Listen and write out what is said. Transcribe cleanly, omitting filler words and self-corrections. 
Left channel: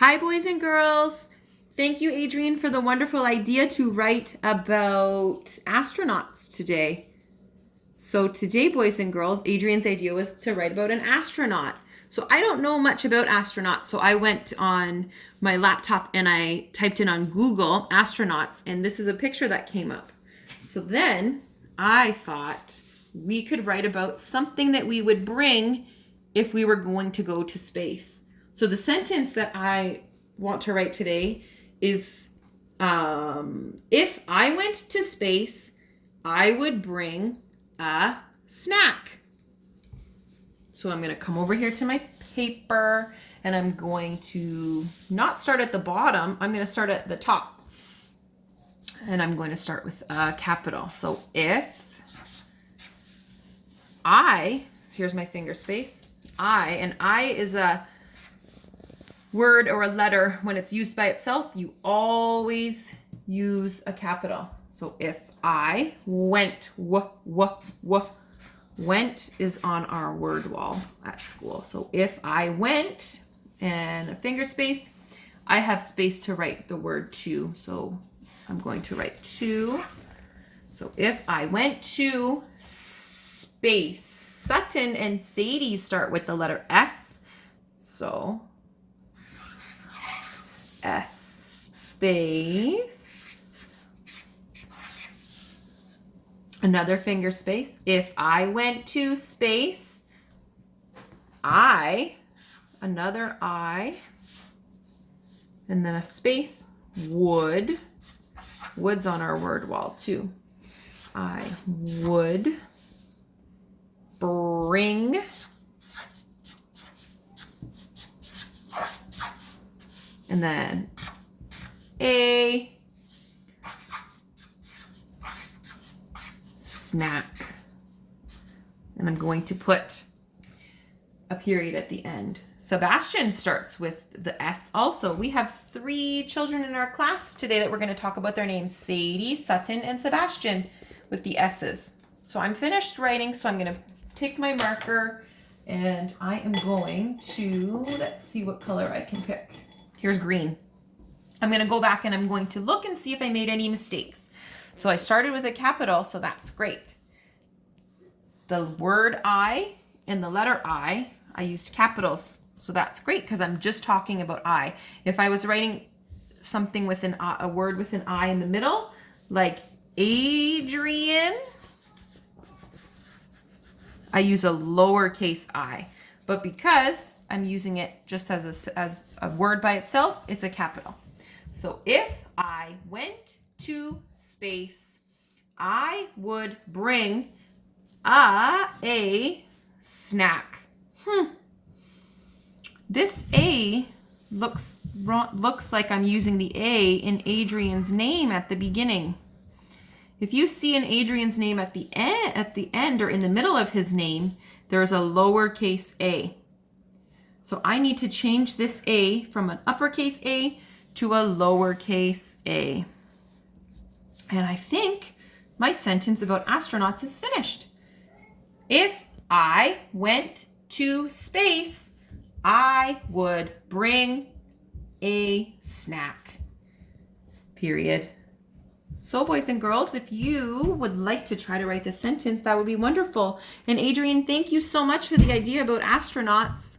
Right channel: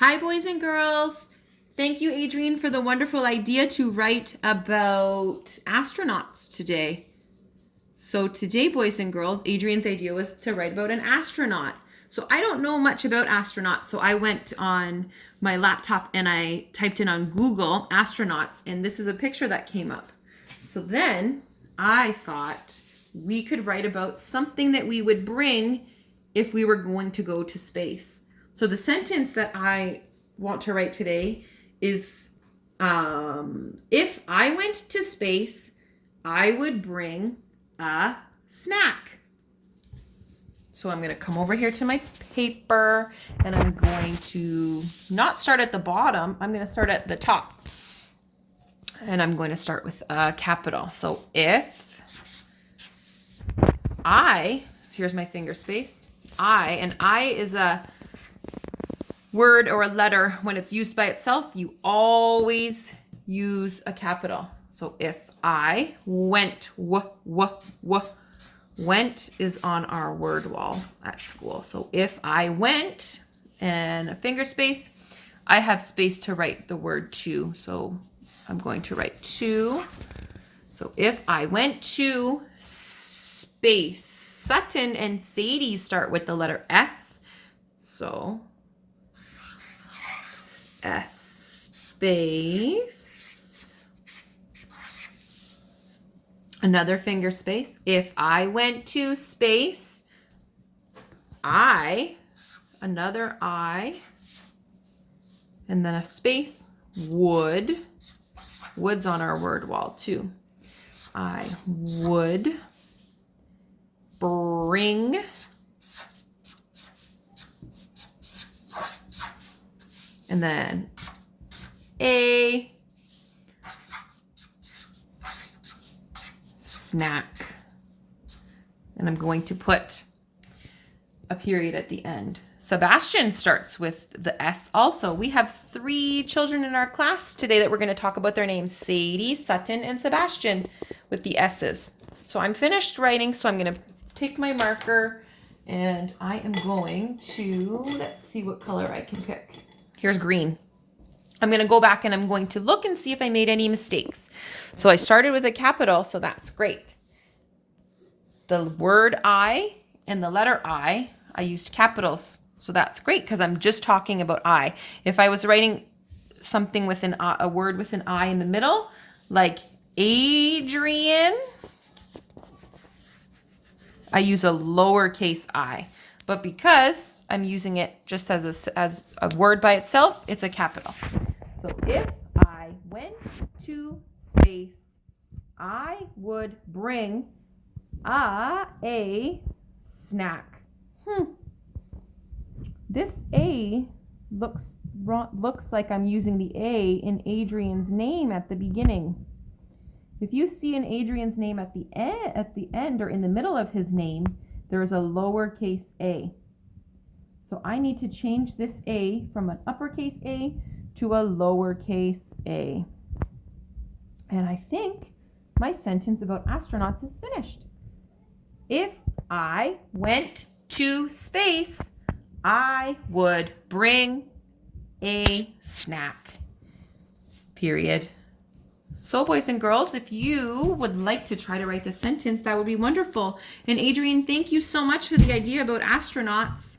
Hi, boys and girls. Thank you, Adrian, for the wonderful idea to write about astronauts today. So today, boys and girls, Adrian's idea was to write about an astronaut. So I don't know much about astronauts, so I went on my laptop and I typed in on Google astronauts, and this is a picture that came up. So then I thought we could write about something that we would bring if we were going to go to space. So the sentence that I want to write today is, if I went to space, I would bring a snack. So I'm going to come over here to my paper and I'm going to not start at the bottom. I'm going to start at the top. And I'm going to start with a capital. So if I, here's my finger space, and I is a word or a letter. When it's used by itself, you always use a capital. So if I went, went is on our word wall at school. So if I went and a finger space, I have space to write the word to. So I'm going to write to. So if I went to space, Sutton and Sadie start with the letter S. So S space. Another finger space. If I went to space, I, another I, and then a space, would. Wood's on our word wall too. I would bring and then a snack. And I'm going to put a period at the end. Sebastian starts with the S also. We have 3 children in our class today that we're going to talk about their names: Sadie, Sutton, and Sebastian with the S's. So I'm finished writing, so I'm going to take my marker and I am going to, let's see what color I can pick. Here's green. I'm going to go back and I'm going to look and see if I made any mistakes. So I started with a capital, so that's great. The word I and the letter I used capitals. So that's great because I'm just talking about I. If I was writing something with a word with an I in the middle, like Adrian, I use a lowercase I. But because I'm using it just as a word by itself, it's a capital. So if I went to space, I would bring a snack. This A looks like I'm using the A in Adrian's name at the beginning. If you see an Adrian's name at the end or in the middle of his name, there's a lowercase a. So I need to change this A from an uppercase A to a lowercase a. And I think my sentence about astronauts is finished. If I went to space, I would bring a snack. Period. So boys and girls, if you would like to try to write this sentence, that would be wonderful. And Adrian, thank you so much for the idea about astronauts.